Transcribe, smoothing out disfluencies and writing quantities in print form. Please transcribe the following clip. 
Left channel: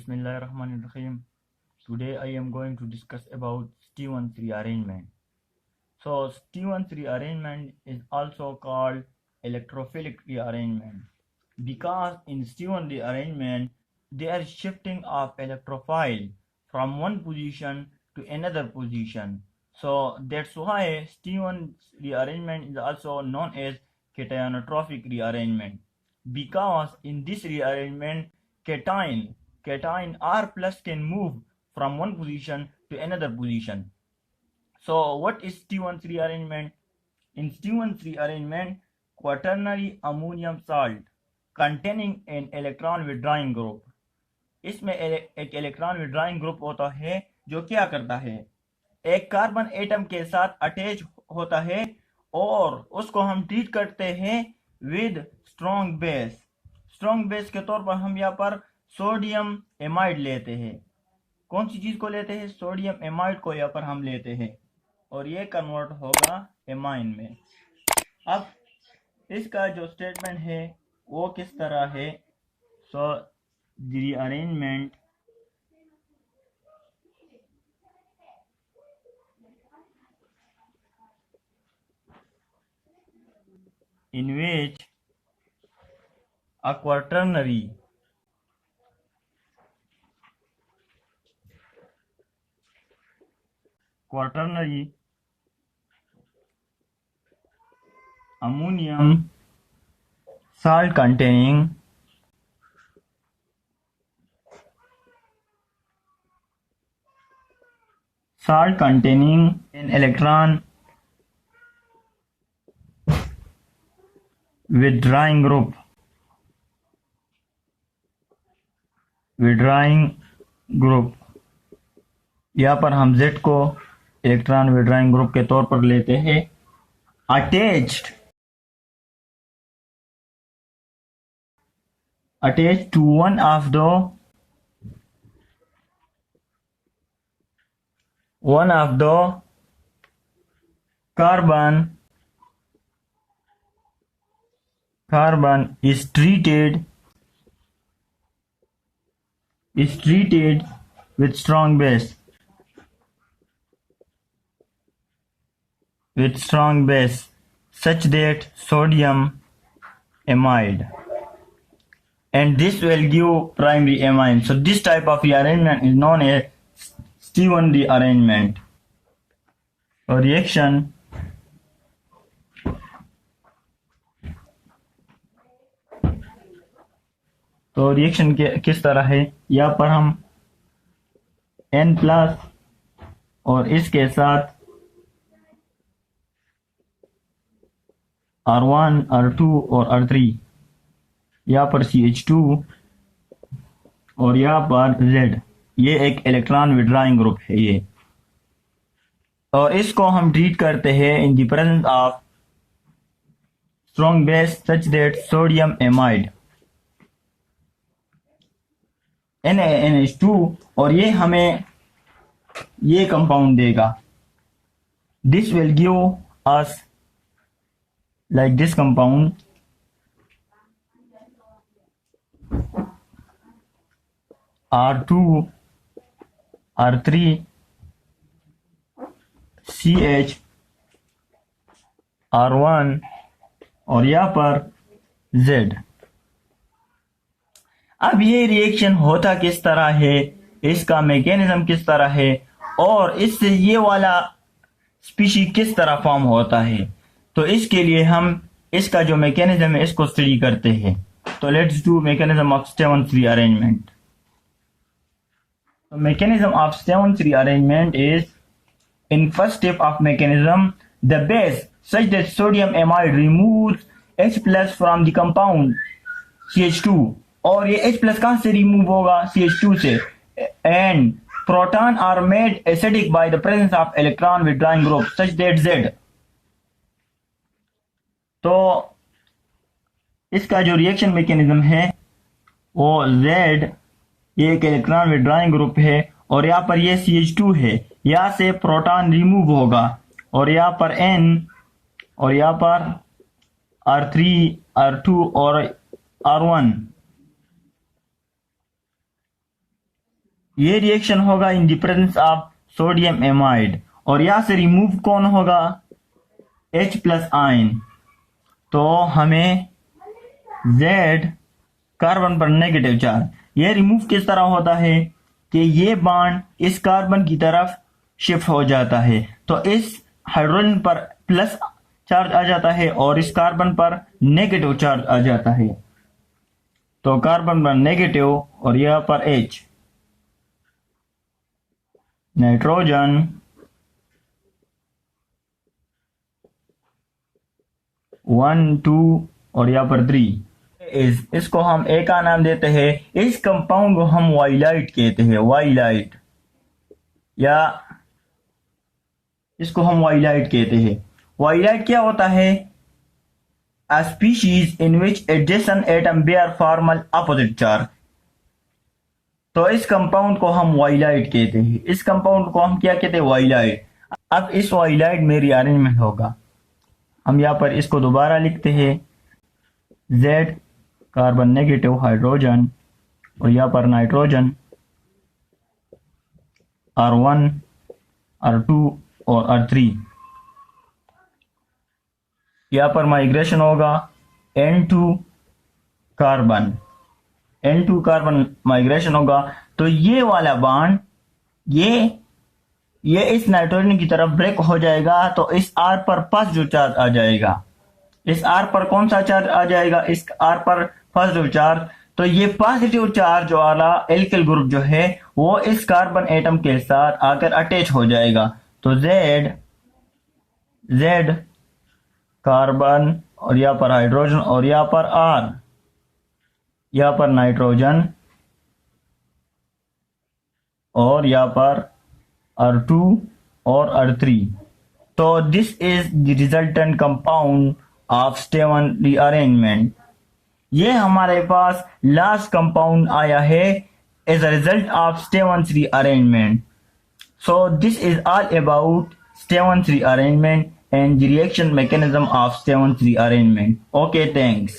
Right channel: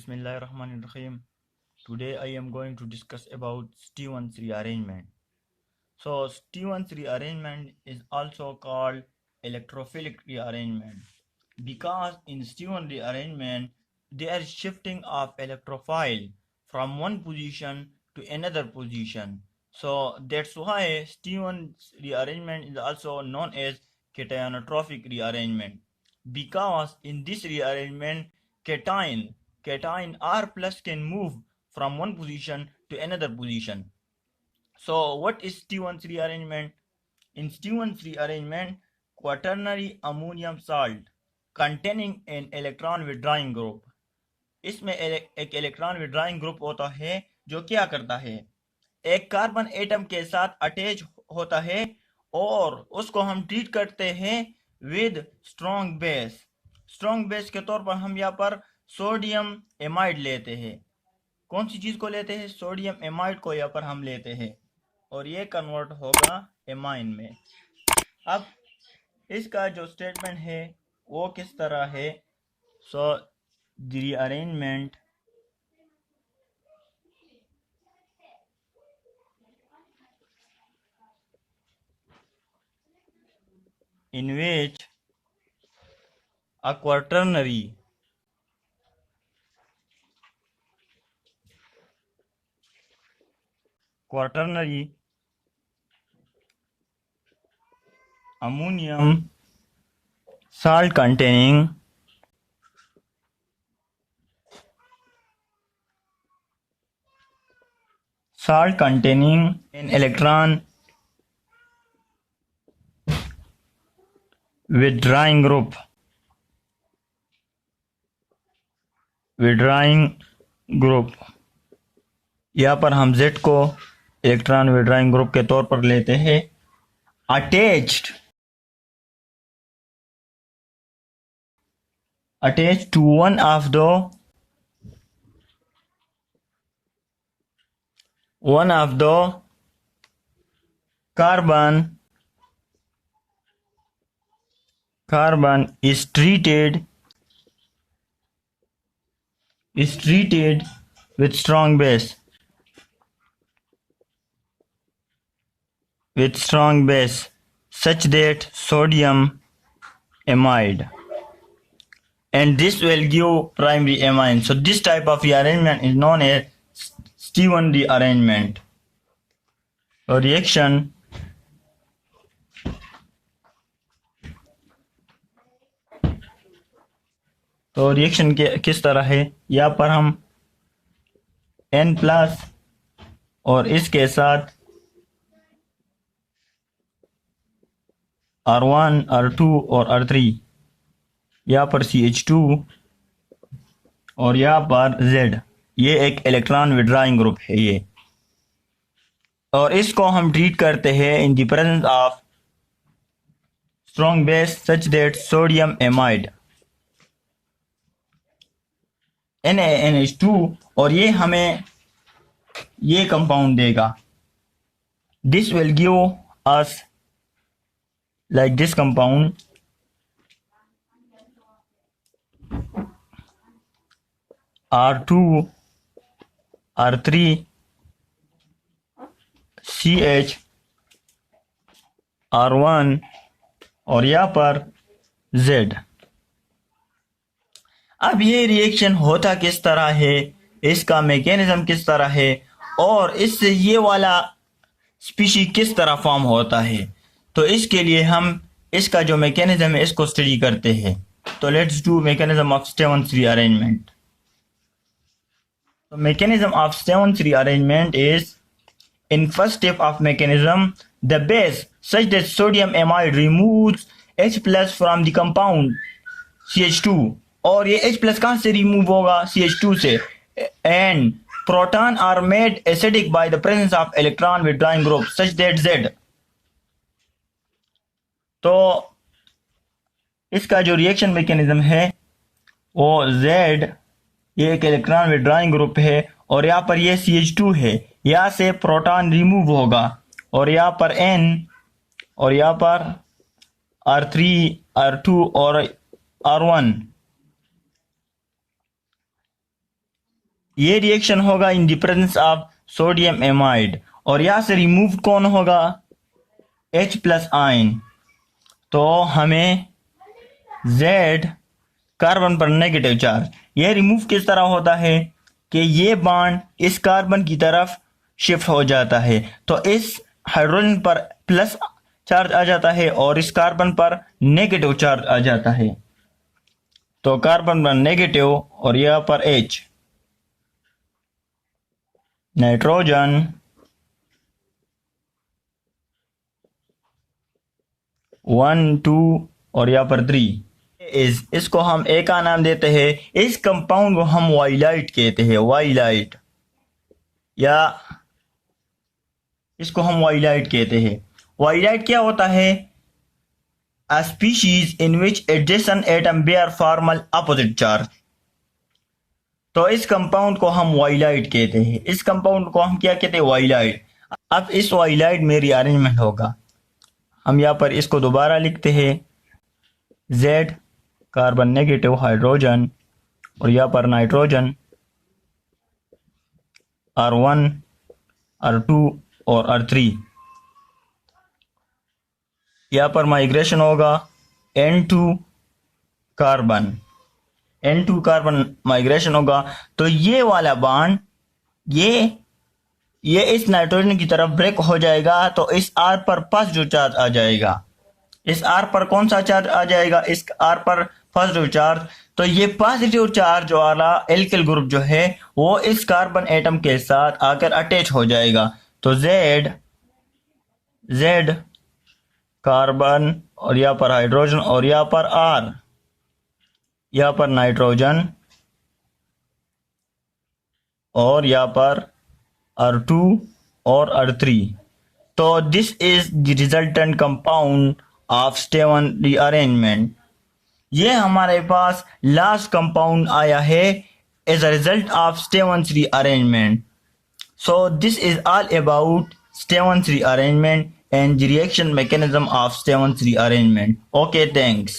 Bismillahirrahmanirrahim. Today I am going to discuss about Stevens rearrangement. So Stevens rearrangement is also called electrophilic rearrangement because in Stevens rearrangement there is shifting of electrophile from one position to another position. So that's why Stevens rearrangement is also known as cationotropic rearrangement because in this rearrangement cation R plus can move from one position to another position. So what is Stevens rearrangement? In Stevens rearrangement, quaternary ammonium salt containing an electron withdrawing group, इसमें एक electron withdrawing group होता है जो क्या करता है, एक carbon atom के साथ अटैच होता है और उसको हम ट्रीट करते हैं with strong base. Strong base के तौर पर हम यहाँ पर सोडियम एमाइड लेते हैं। कौन सी चीज को लेते हैं? सोडियम एमाइड को यहाँ पर हम लेते हैं और ये कन्वर्ट होगा एमाइन में। अब इसका जो स्टेटमेंट है वो किस तरह है? So the rearrangement in which a quaternary ammonium salt containing an electron withdrawing group यहाँ पर हम Z को इलेक्ट्रॉन विड्रॉइंग ग्रुप के तौर पर लेते हैं, attached to one of the carbon is treated with strong base such that sodium amide, and this will give primary amine. So this type of rearrangement is known as Stevens rearrangement. और reaction किस तरह है? यहाँ पर हम N plus और इसके साथ R1, R2 और R3, यहाँ पर CH2 और यहाँ पर Z, ये एक इलेक्ट्रॉन विड्रॉइंग ग्रुप है ये, और इसको हम ट्रीट करते हैं in the presence of strong base such that sodium amide NaNH2, और ये हमें ये कंपाउंड देगा। This will give us like this compound R2, R3, CH, R1 और यहाँ पर Z। अब ये रिएक्शन होता किस तरह है, इसका मैकेनिज्म किस तरह है और इससे ये वाला स्पीशी किस तरह फॉर्म होता है, तो इसके लिए हम इसका जो मैकेनिज्म है इसको स्टडी करते हैं। तो let's do mechanism of Stevens rearrangement. mechanism of Stevens rearrangement is, in first step of mechanism, the base such that sodium amide removes H plus from the compound CH2, और ये H plus कहाँ से remove होगा? CH2 से, and proton are made acidic by the presence of electron withdrawing group such that Z। तो इसका जो reaction mechanism है वो Z, ये एक इलेक्ट्रॉन विड्रॉइंग ग्रुप है और यहाँ पर ये CH2 है, यहाँ से प्रोटॉन रिमूव होगा और यहाँ पर N और यहाँ पर R3, R2 और R1, ये रिएक्शन होगा in the presence of sodium amide, और यहाँ से रिमूव कौन होगा, H प्लस आयन। तो हमें Z कार्बन पर नेगेटिव चार्ज, यह रिमूव किस तरह होता है कि ये बॉन्ड इस कार्बन की तरफ शिफ्ट हो जाता है, तो इस हाइड्रोजन पर प्लस चार्ज आ जाता है और इस कार्बन पर नेगेटिव चार्ज आ जाता है। तो कार्बन पर नेगेटिव और यहाँ पर H, नाइट्रोजन 1 2 और यहाँ पर 3 इसको हम ए का नाम देते हैं। इस कंपाउंड को हम वाइलाइट कहते हैं, वाइलाइट, या इसको हम वाइलाइट कहते हैं। वाइलाइट क्या होता है, a species in which adjacent atom bear formal opposite charge। तो इस कंपाउंड को हम वाइलाइट कहते हैं, इस कंपाउंड को हम क्या कहते हैं, वाइलाइट। अब इस वाइलाइट में रीअरेंजमेंट होगा, हम यहाँ पर इसको दोबारा लिखते हैं, Z कार्बन नेगेटिव हाइड्रोजन और यहाँ पर नाइट्रोजन R1 R2 और R3। यहाँ पर माइग्रेशन होगा N2 carbon, N2 carbon migration होगा। तो ये वाला बॉन्ड ये इस नाइट्रोजन की तरफ ब्रेक हो जाएगा, तो इस R पर पॉजिटिव चार्ज आ जाएगा। इस R पर कौन सा चार्ज आ जाएगा, इस R पर पॉजिटिव चार्ज। तो ये पॉजिटिव चार्ज वाला एल्किल ग्रुप जो है वो इस कार्बन एटम के साथ आकर अटैच हो जाएगा। तो Z कार्बन और यहाँ पर हाइड्रोजन और यहाँ पर R, यहाँ पर नाइट्रोजन और यहाँ पर R2 और R3। तो this is the resultant compound of Steven rearrangement. ये हमारे पास लास्ट कंपाउंड आया है as a result of Stevens rearrangement. So this is all about Stevens rearrangement and the reaction mechanism of Stevens rearrangement. Okay, thanks.